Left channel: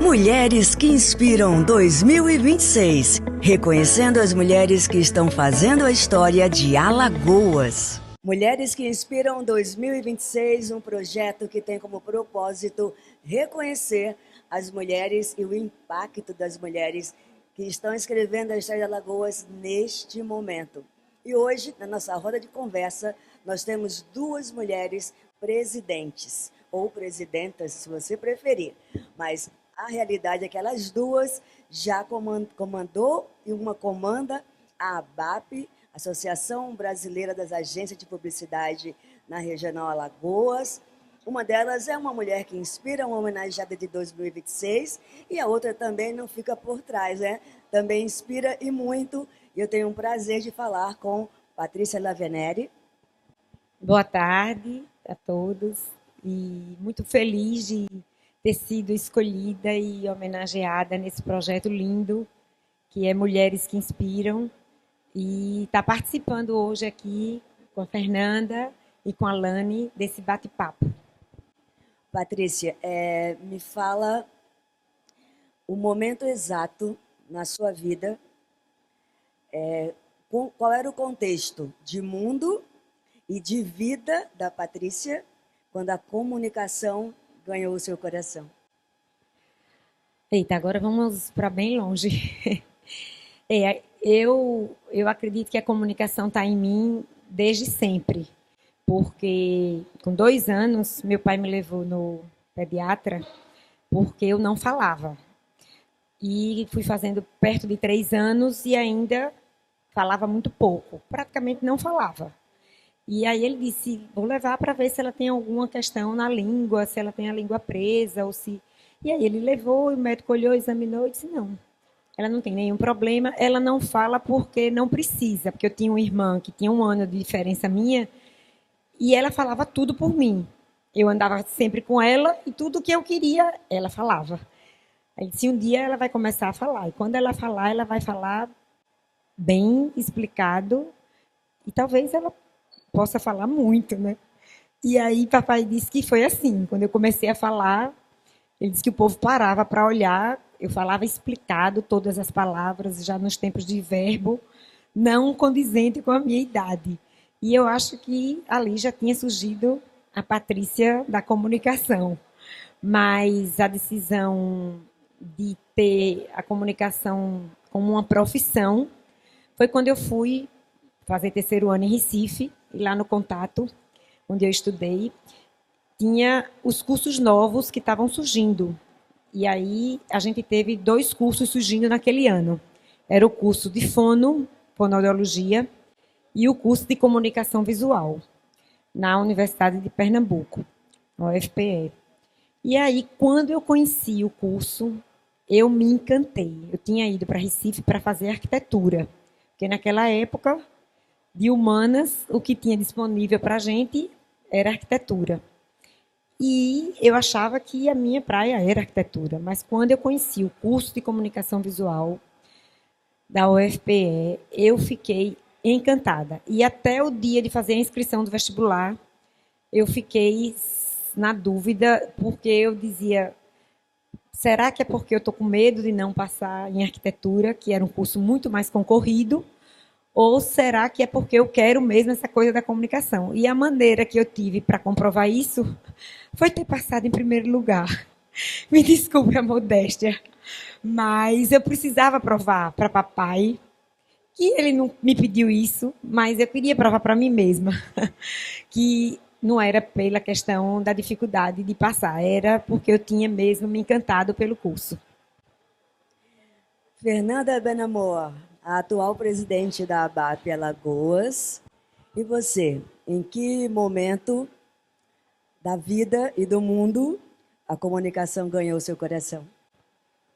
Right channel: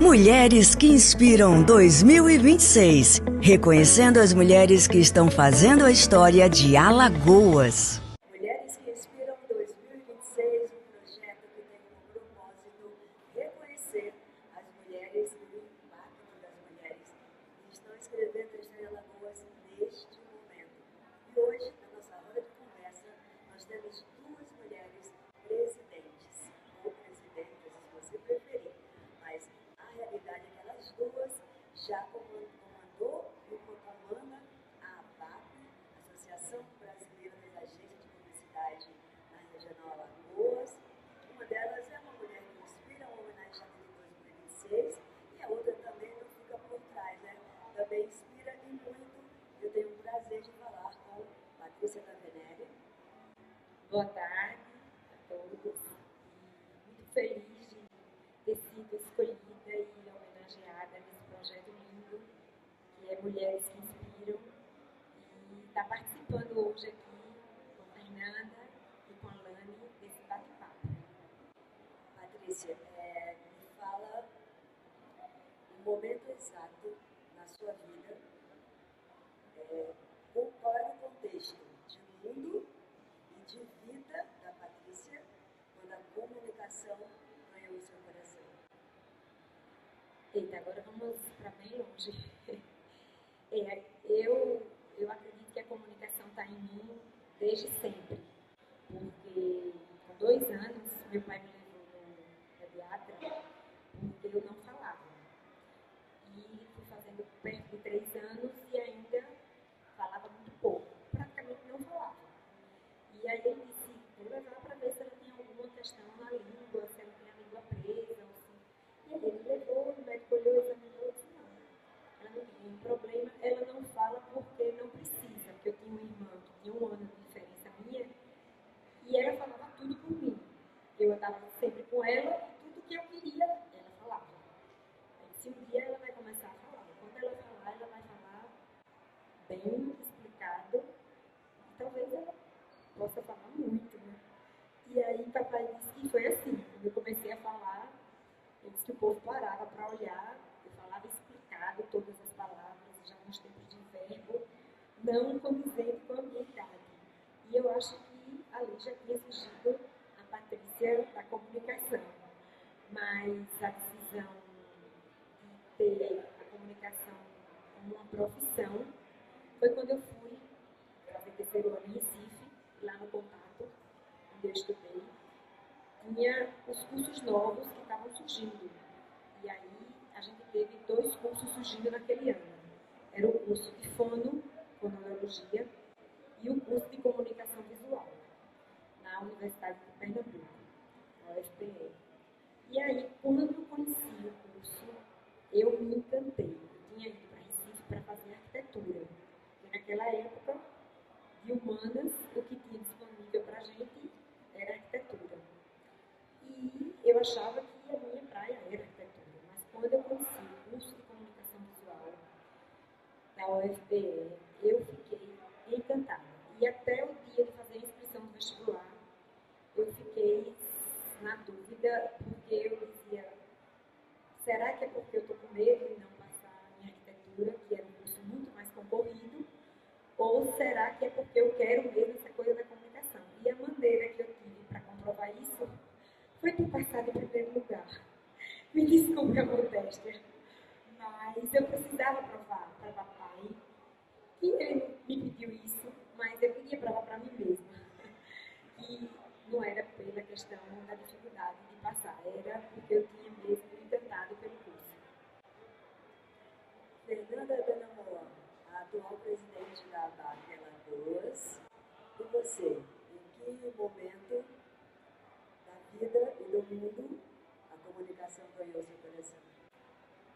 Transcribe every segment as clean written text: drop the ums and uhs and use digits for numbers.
Mulheres que Inspiram 2026, reconhecendo as mulheres que estão fazendo a história de Alagoas. Mulheres que Inspiram 2026, um projeto que tem como propósito reconhecer as mulheres e o impacto das mulheres que estão escrevendo a história de Alagoas neste momento. E hoje, na nossa roda de conversa, nós temos duas mulheres presidentes, ou presidentas, se você preferir, mas a realidade é que elas duas já comandou e uma comanda a ABAP, Associação Brasileira das Agências de Publicidade na Regional Alagoas. Uma delas é uma mulher que inspira, uma homenageada de 2026, e a outra também não fica por trás, né? Também inspira e muito. Eu tenho um prazer de falar com Patrícia Laveneri. Boa tarde a todos e muito feliz de ter sido escolhida e homenageada nesse projeto lindo que é Mulheres que Inspiram e estar participando hoje aqui com a Fernanda e com a Lani desse bate-papo. Patrícia, me fala o momento exato na sua vida, qual era o contexto de mundo e de vida da Patrícia quando a comunicação ganhou o seu coração? Eita, agora vamos para bem longe. Eu acredito que a comunicação está em mim desde sempre, porque com 2 anos meu pai me levou no pediatra porque eu não falava. E fui fazendo perto de 3 anos e ainda falava muito pouco, praticamente não falava. E aí ele disse, vou levar para ver se ela tem alguma questão na língua, se ela tem a língua presa, ou se... E aí ele levou, o médico olhou, examinou e disse, não, ela não tem nenhum problema, ela não fala porque não precisa, porque eu tinha uma irmã que tinha 1 ano de diferença minha, e ela falava tudo por mim. Eu andava sempre com ela e tudo que eu queria, ela falava. Aí disse, um dia ela vai começar a falar, e quando ela falar, ela vai falar bem explicado, e talvez ela possa falar muito, né? E aí papai disse que foi assim, quando eu comecei a falar, ele disse que o povo parava para olhar, eu falava explicado todas as palavras, já nos tempos de verbo, não condizente com a minha idade. E eu acho que ali já tinha surgido a Patrícia da comunicação. Mas a decisão de ter a comunicação como uma profissão foi quando eu fui fazer 3º ano em Recife, e lá no Contato, onde eu estudei, tinha os cursos novos que estavam surgindo. E aí a gente teve 2 cursos surgindo naquele ano. Era o curso de fonoaudiologia, e o curso de comunicação visual, na Universidade de Pernambuco, na UFPE. E aí, quando eu conheci o curso, eu me encantei. Eu tinha ido para Recife para fazer arquitetura, porque naquela época, de humanas, o que tinha disponível para a gente era arquitetura. E eu achava que a minha praia era arquitetura, mas quando eu conheci o curso de comunicação visual da UFPE, eu fiquei encantada. E até o dia de fazer a inscrição do vestibular, eu fiquei na dúvida, porque eu dizia, será que é porque eu estou com medo de não passar em arquitetura, que era um curso muito mais concorrido, ou será que é porque eu quero mesmo essa coisa da comunicação? E a maneira que eu tive para comprovar isso foi ter passado em primeiro lugar. Me desculpe a modéstia, mas eu precisava provar para papai, que ele não me pediu isso, mas eu queria provar para mim mesma, que não era pela questão da dificuldade de passar, era porque eu tinha mesmo me encantado pelo curso. Fernanda Benamor, a atual presidente da ABAP Alagoas. E você, em que momento da vida e do mundo a comunicação ganhou seu coração?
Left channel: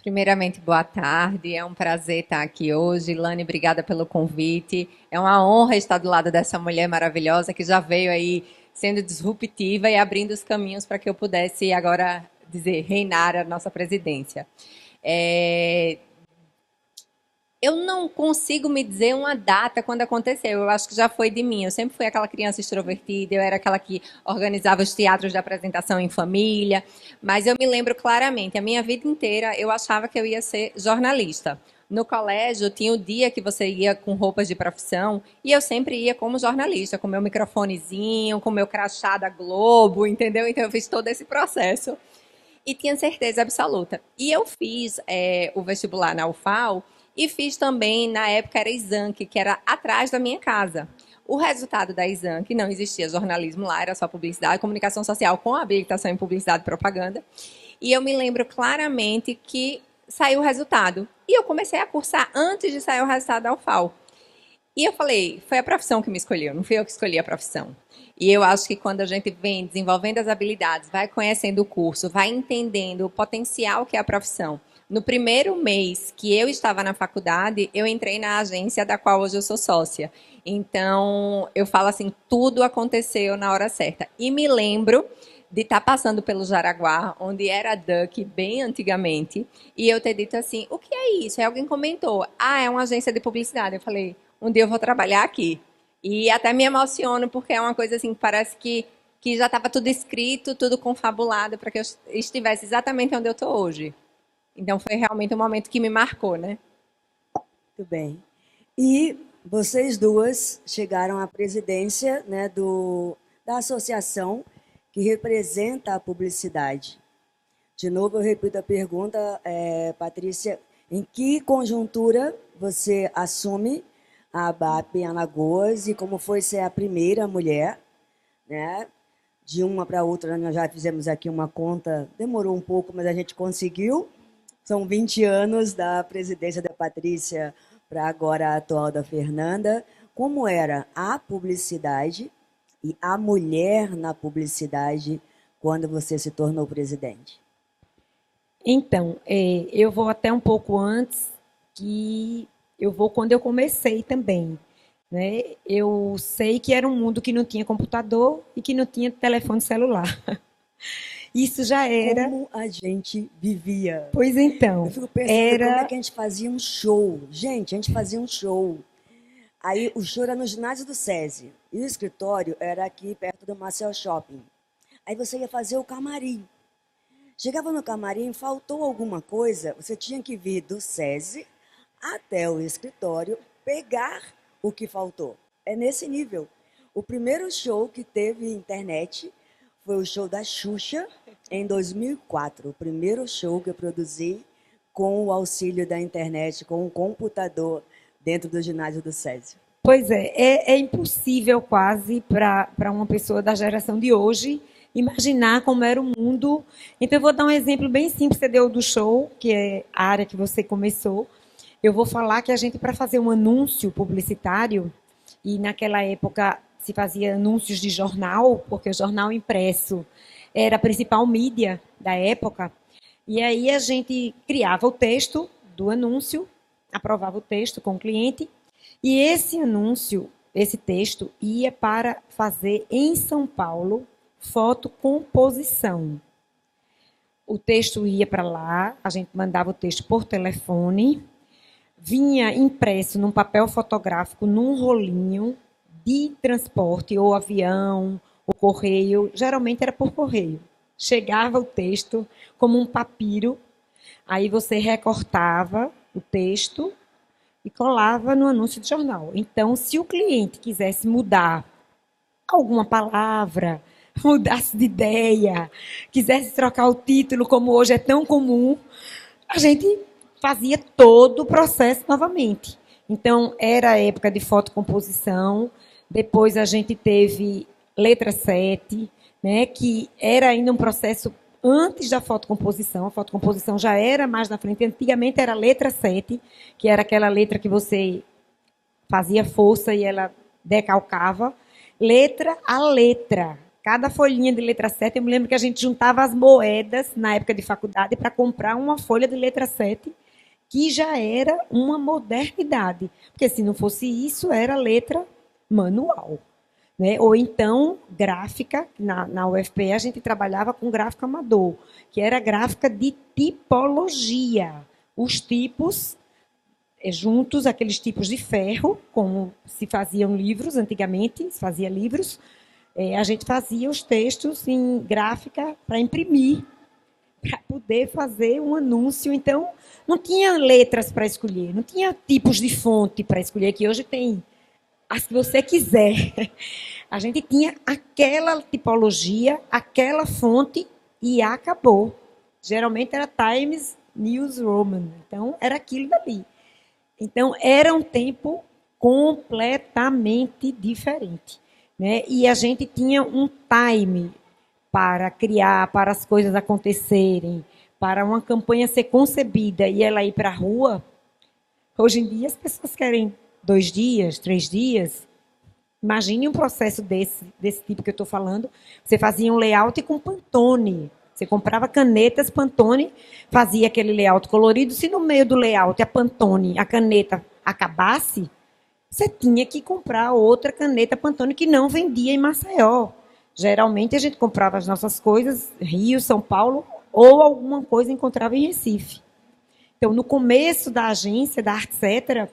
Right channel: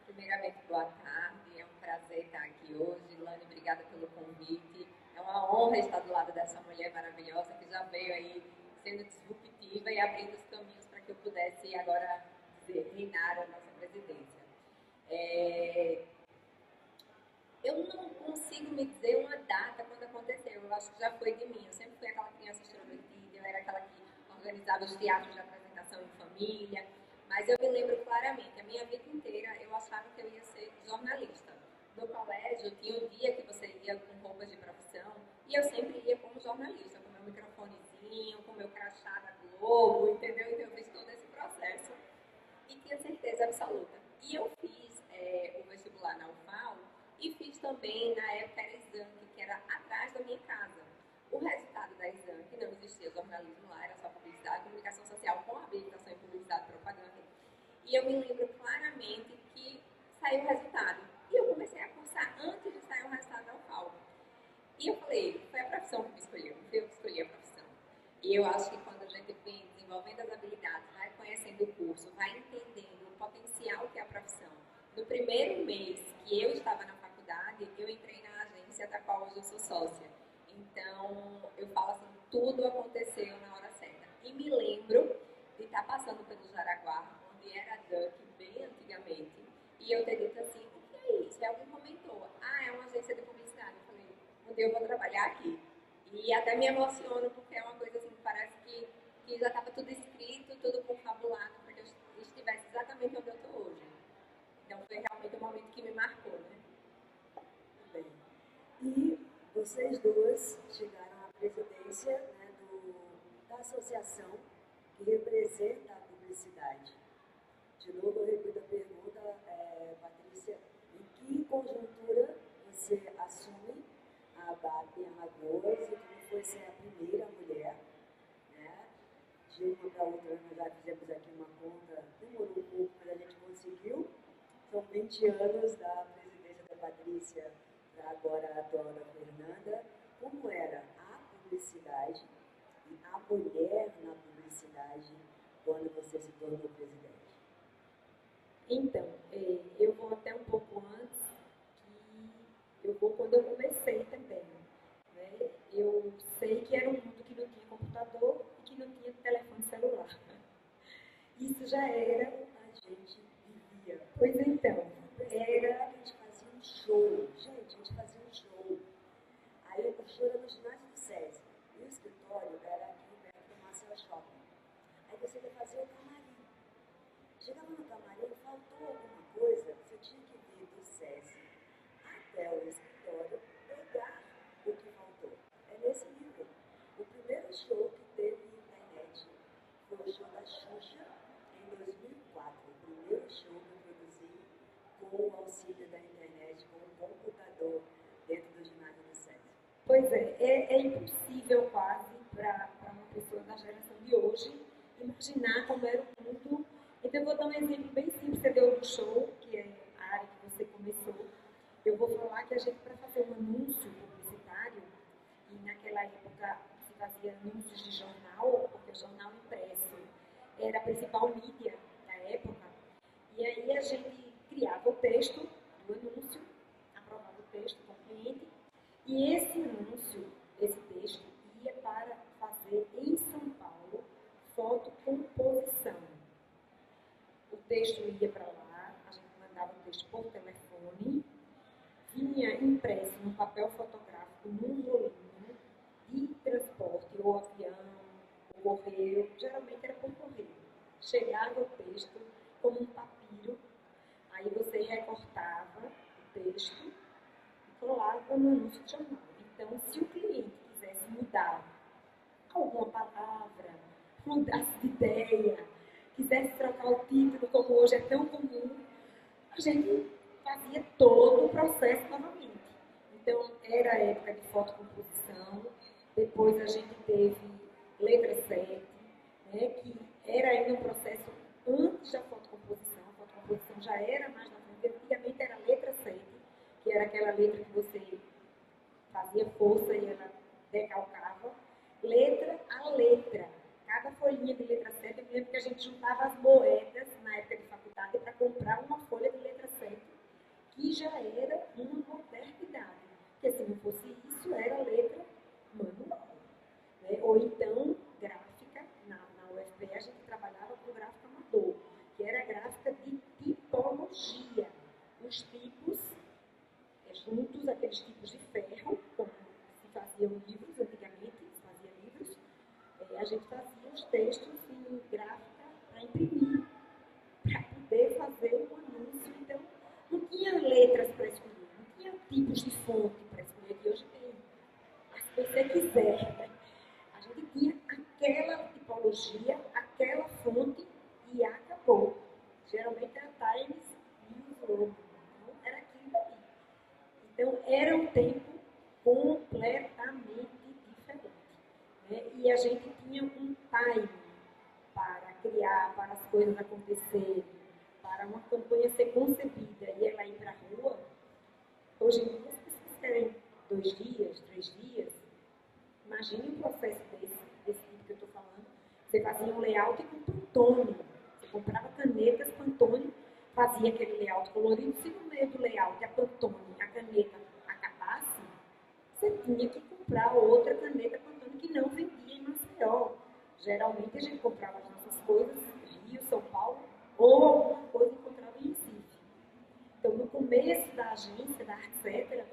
Primeiramente, boa tarde. É um prazer estar aqui hoje. Lani, obrigada pelo convite. É uma honra estar do lado dessa mulher maravilhosa que já veio aí sendo disruptiva e abrindo os caminhos para que eu pudesse agora dizer reinar a nossa presidência. Eu não consigo me dizer uma data quando aconteceu. Eu acho que já foi de mim. Eu sempre fui aquela criança extrovertida, eu era aquela que organizava os teatros de apresentação em família. Mas eu me lembro claramente, a minha vida inteira eu achava que eu ia ser jornalista. No colégio tinha o dia que você ia com roupas de profissão e eu sempre ia como jornalista, com meu microfonezinho, com meu crachá da Globo, entendeu? Então eu fiz todo esse processo e tinha certeza absoluta. E eu fiz o vestibular na UFAL e fiz também, na época era Exanc, que era atrás da minha casa. O resultado da Exanc, não existia jornalismo lá, era só publicidade, comunicação social com habilitação em publicidade e propaganda. E eu me lembro claramente que saiu o resultado. E eu comecei a cursar antes de sair o resultado da UFAL. E eu falei, foi a profissão que me escolheu, não fui eu que escolhi a profissão. E eu acho que quando a gente vem desenvolvendo as habilidades, vai conhecendo o curso, vai entendendo o potencial que é a profissão. No primeiro mês que eu estava na faculdade, eu entrei na agência da qual hoje eu sou sócia. Então, eu falo assim, tudo aconteceu na hora certa. E me lembro de estar passando pelo Jaraguá, onde era Duck bem antigamente, e eu ter dito assim, o que é isso? Aí alguém comentou, é uma agência de publicidade. Eu falei, um dia eu vou trabalhar aqui. E até me emociono, porque é uma coisa assim, que parece que já estava tudo escrito, tudo confabulado, para que eu estivesse exatamente onde eu estou hoje. Então, foi realmente um momento que me marcou, né? Muito bem. E vocês duas chegaram à presidência, né, da associação que representa a publicidade. De novo, eu repito a pergunta, Patrícia, em que conjuntura você assume a ABAP em Alagoas e como foi ser a primeira mulher, né? De uma para outra, nós já fizemos aqui uma conta, demorou um pouco, mas a gente conseguiu. São 20 anos da presidência da Patrícia para agora a atual da Fernanda. Como era a publicidade e a mulher na publicidade quando você se tornou presidente? Então, eu vou até um pouco antes, que eu vou quando eu comecei também. Né? Eu sei que era um mundo que não tinha computador e que não tinha telefone celular. Isso já era. Como a gente vivia. Pois então. Eu fico pensando como é que a gente fazia um show. Gente, a gente fazia um show. Aí o show era no ginásio do SESI. E o escritório era aqui perto do Marcel Shopping. Aí você ia fazer o camarim. Chegava no camarim, faltou alguma coisa, você tinha que vir do SESI até o escritório pegar o que faltou. É nesse nível. O primeiro show que teve internet foi o show da Xuxa, em 2004. O primeiro show que eu produzi com o auxílio da internet, com um computador dentro do ginásio do SESI. Pois é impossível quase para uma pessoa da geração de hoje imaginar como era o mundo. Então, eu vou dar um exemplo bem simples, você deu do show, que é a área que você começou. Eu vou falar que a gente, para fazer um anúncio publicitário, e naquela época se fazia anúncios de jornal, porque o jornal impresso era a principal mídia da época, e aí a gente criava o texto do anúncio, aprovava o texto com o cliente, e esse anúncio, esse texto, ia para fazer em São Paulo fotocomposição. O texto ia para lá, a gente mandava o texto por telefone, vinha impresso num papel fotográfico, num rolinho de transporte, ou avião, ou correio, geralmente era por correio. Chegava o texto como um papiro, aí você recortava o texto e colava no anúncio de jornal. Então, se o cliente quisesse mudar alguma palavra, mudasse de ideia, quisesse trocar o título, como hoje é tão comum, a gente fazia todo o processo novamente. Então, era a época de fotocomposição, depois a gente teve letra 7, né, que era ainda um processo antes da fotocomposição. A fotocomposição já era mais na frente. Antigamente era a letra 7, que era aquela letra que você fazia força e ela decalcava. Letra a letra. Cada folhinha de letra 7, eu me lembro que a gente juntava as moedas na época de faculdade para comprar uma folha de letra 7, que já era uma modernidade. Porque se não fosse isso, era letra manual. Né? Ou então, gráfica, na UFPE a gente trabalhava com gráfico amador, que era gráfica de tipologia. Os tipos juntos aqueles tipos de ferro, como se faziam livros antigamente, se fazia livros, a gente fazia os textos em gráfica para imprimir, para poder fazer um anúncio. Então, não tinha letras para escolher, não tinha tipos de fonte para escolher, que hoje tem as que você quiser. A gente tinha aquela tipologia, aquela fonte e acabou. Geralmente era Times News Roman, então era aquilo dali. Então, era um tempo completamente diferente, né? E a gente tinha um time para criar, para as coisas acontecerem, para uma campanha ser concebida e ela ir para a rua. Hoje em dia, as pessoas querem 2 dias, 3 dias. Imagine um processo desse tipo que eu estou falando. Você fazia um layout com Pantone. Você comprava canetas Pantone, fazia aquele layout colorido. Se no meio do layout a Pantone, a caneta, acabasse, você tinha que comprar outra caneta Pantone que não vendia em Maceió. Geralmente a gente comprava as nossas coisas, Rio, São Paulo, ou alguma coisa encontrava em Recife. Então, no começo da agência, da Artcetera,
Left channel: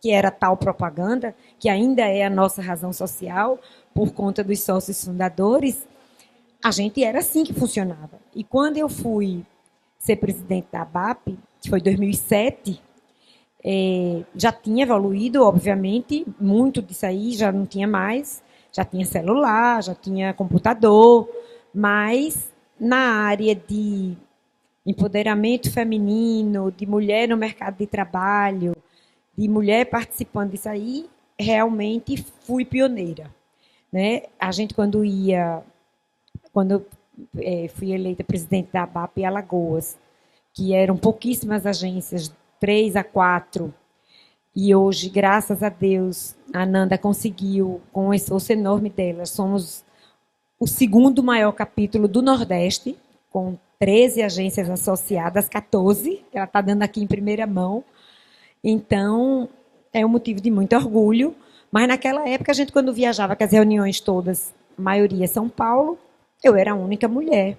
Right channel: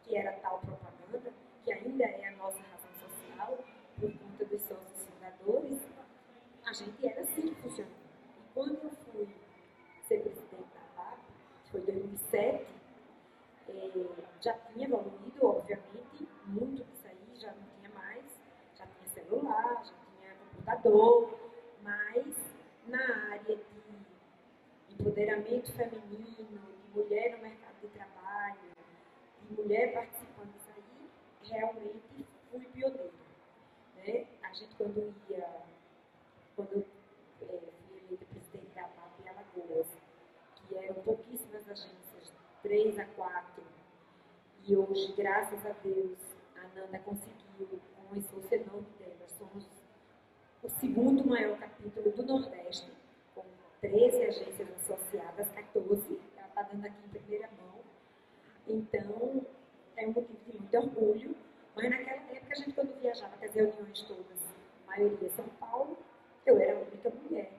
que era tal propaganda, que ainda é a nossa razão social, por conta dos sócios fundadores, a gente era assim que funcionava. E quando eu fui ser presidente da ABAP, que foi em 2007, já tinha evoluído, obviamente, muito disso aí já não tinha mais, já tinha celular, já tinha computador, mas na área de empoderamento feminino, de mulher no mercado de trabalho, de mulher participando disso aí, realmente fui pioneira, né? A gente quando eu fui eleita presidente da ABAP em Alagoas, que eram pouquíssimas agências, 3 a 4, e hoje, graças a Deus, a Nanda conseguiu, com o esforço enorme dela, somos o segundo maior capítulo do Nordeste, com 13 agências associadas, 14, que ela está dando aqui em primeira mão. Então, é um motivo de muito orgulho. Mas naquela época, a gente, quando viajava com as reuniões todas, a maioria São Paulo, eu era a única mulher.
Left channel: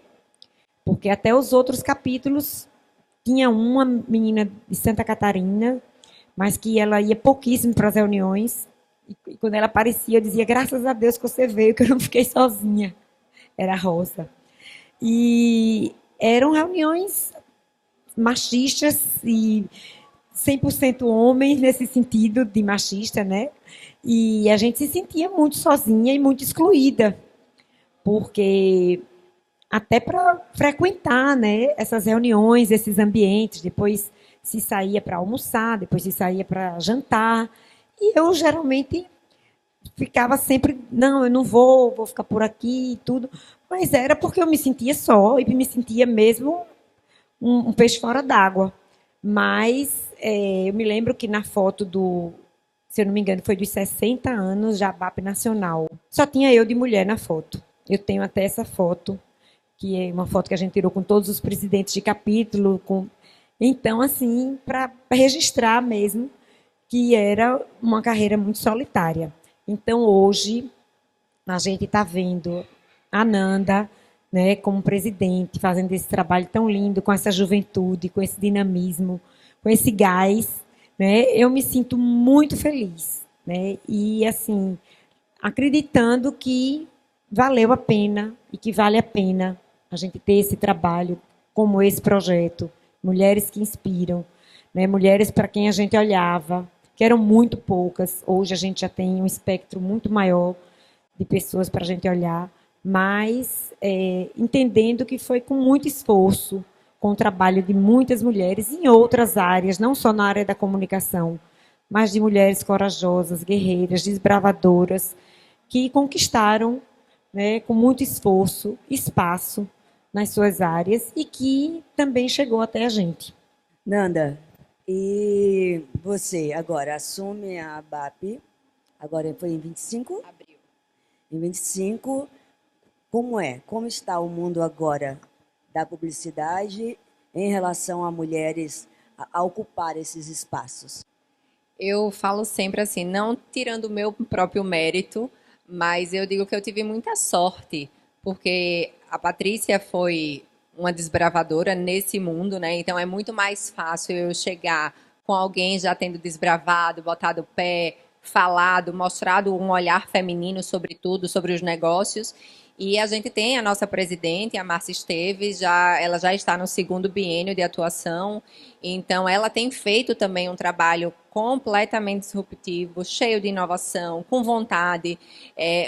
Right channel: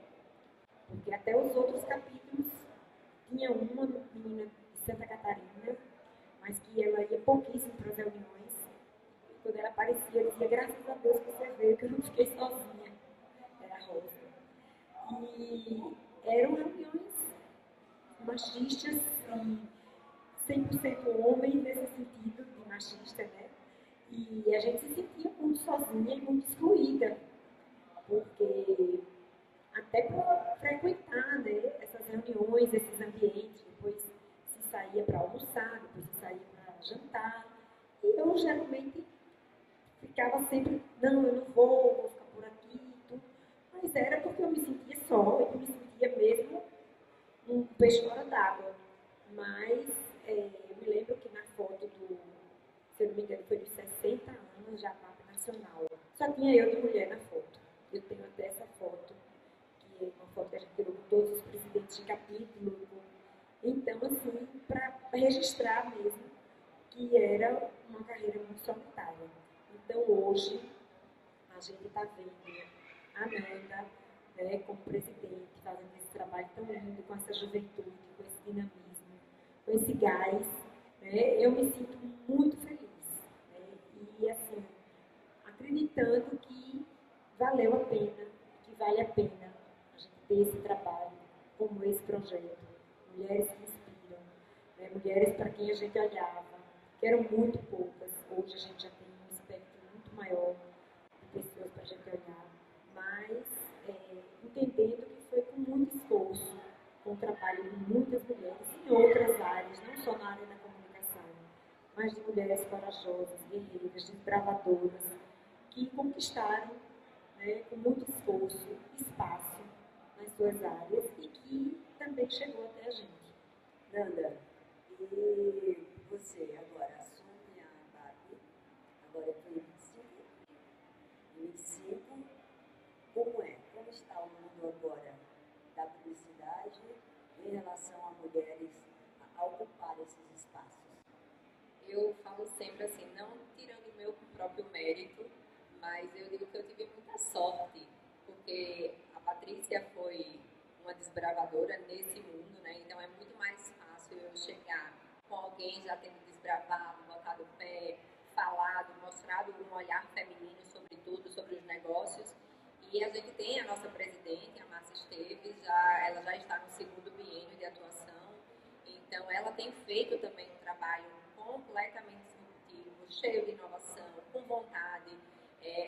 Porque até os outros capítulos, tinha uma menina de Santa Catarina, mas que ela ia pouquíssimo para as reuniões. E quando ela aparecia, eu dizia, graças a Deus que você veio, que eu não fiquei sozinha. Era a Rosa. E eram reuniões machistas e 100% homens nesse sentido de machista, né? E a gente se sentia muito sozinha e muito excluída, porque até para frequentar, né, essas reuniões, esses ambientes, depois se saía para almoçar, depois se saía para jantar, e eu geralmente ficava sempre, não, eu não vou ficar por aqui e tudo, mas era porque eu me sentia só e me sentia mesmo um peixe fora d'água. Mas eu me lembro que na foto se eu não me engano, foi dos 60 anos da ABAP Nacional, só tinha eu de mulher na foto. Eu tenho até essa foto, que é uma foto que a gente tirou com todos os presidentes de capítulo. Então, assim, para registrar mesmo que era uma carreira muito solitária. Então, hoje, a gente está vendo a Nanda, né, como presidente, fazendo esse trabalho tão lindo, com essa juventude, com esse dinamismo, com esse gás, né, eu me sinto muito feliz, né, e assim, acreditando que valeu a pena e que vale a pena a gente ter esse trabalho como esse projeto, Mulheres que Inspiram, né, mulheres para quem a gente olhava, que eram muito poucas, hoje a gente já tem um espectro muito maior de pessoas para a gente olhar, mas entendendo que foi com muito esforço, com o trabalho de muitas mulheres em outras áreas, não só na área da comunicação, mas de mulheres corajosas, guerreiras, desbravadoras, que conquistaram, né, com muito esforço, espaço nas suas áreas e que também chegou até a gente. Nanda, e você agora assume a ABAP, agora foi em 25? Abril. Em 25, como está o mundo agora da publicidade em relação a mulheres a ocupar esses espaços? Eu falo sempre assim, não tirando o meu próprio mérito, mas eu digo que eu tive muita sorte, porque a Patrícia foi uma desbravadora nesse mundo, né? Então é muito mais fácil eu chegar com alguém já tendo desbravado, botado o pé, falado, mostrado um olhar feminino sobre tudo, sobre os negócios. E a gente tem a nossa presidente, a Márcia Esteves, ela já está no segundo biênio de atuação, então ela tem feito também um trabalho completamente disruptivo, cheio de inovação, com vontade.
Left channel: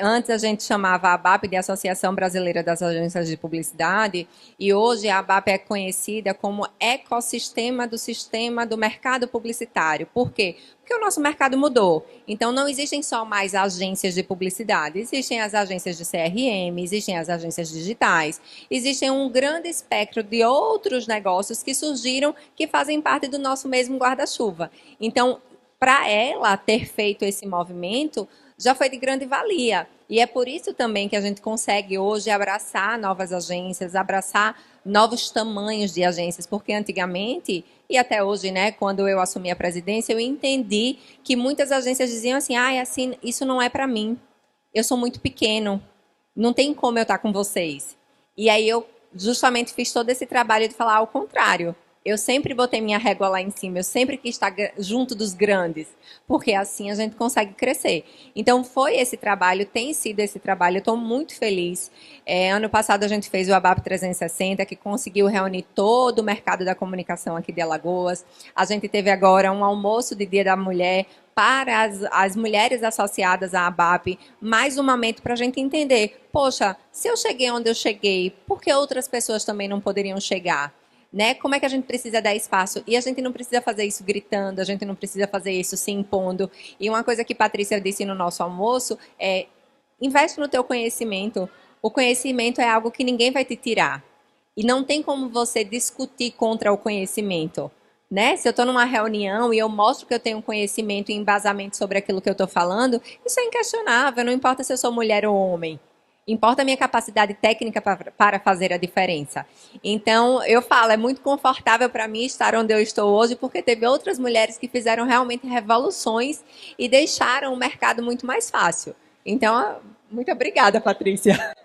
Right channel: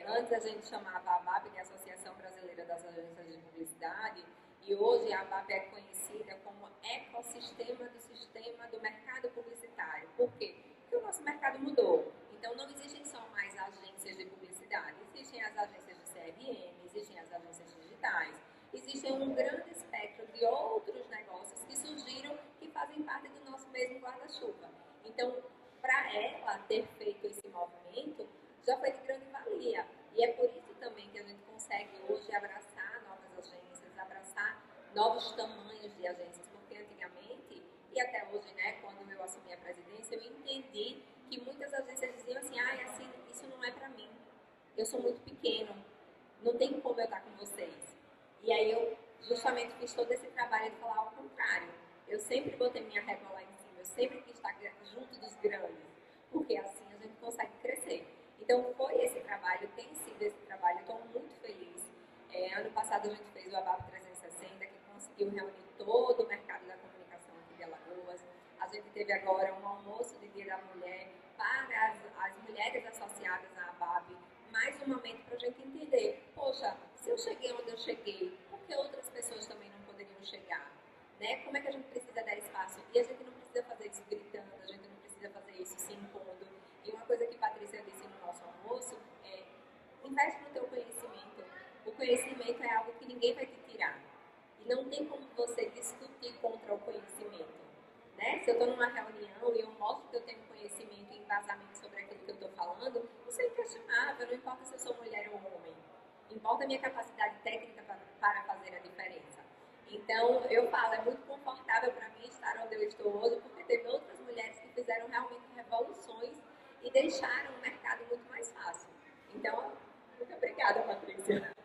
Antes a gente chamava a ABAP de Associação Brasileira das Agências de Publicidade, e hoje a ABAP é conhecida como ecossistema do sistema do mercado publicitário. Por quê? Porque o nosso mercado mudou. Então, não existem só mais agências de publicidade, existem as agências de CRM, existem as agências digitais, existem um grande espectro de outros negócios que surgiram, que fazem parte do nosso mesmo guarda-chuva. Então, para ela ter feito esse movimento, já foi de grande valia. E é por isso também que a gente consegue hoje abraçar novas agências, abraçar novos tamanhos de agências, porque antigamente, e até hoje, né, quando eu assumi a presidência, eu entendi que muitas agências diziam assim, assim, isso não é para mim, eu sou muito pequeno, não tem como eu estar com vocês. E aí eu justamente fiz todo esse trabalho de falar ao contrário. Eu sempre botei minha régua lá em cima, eu sempre quis estar junto dos grandes, porque assim a gente consegue crescer. Então foi esse trabalho, tem sido esse trabalho, eu estou muito feliz. Ano passado a gente fez o ABAP 360, que conseguiu reunir todo o mercado da comunicação aqui de Alagoas. A gente teve agora um almoço de Dia da Mulher para as mulheres associadas à ABAP, mais um momento para a gente entender, poxa, se eu cheguei onde eu cheguei, por que outras pessoas também não poderiam chegar? Né? Como é que a gente precisa dar espaço? E a gente não precisa fazer isso gritando, a gente não precisa fazer isso se impondo. E uma coisa que Patrícia disse no nosso almoço é: investe no teu conhecimento. O conhecimento é algo que ninguém vai te tirar. E não tem como você discutir contra o conhecimento. Né? Se eu estou numa reunião e eu mostro que eu tenho conhecimento e embasamento sobre aquilo que eu estou falando, isso é inquestionável, não importa se eu sou mulher ou homem. Importa a minha capacidade técnica para fazer a diferença. Então, eu falo, é muito confortável para mim estar onde eu estou hoje, porque teve outras mulheres que fizeram realmente revoluções e deixaram o mercado muito mais fácil. Então, muito obrigada, Patrícia.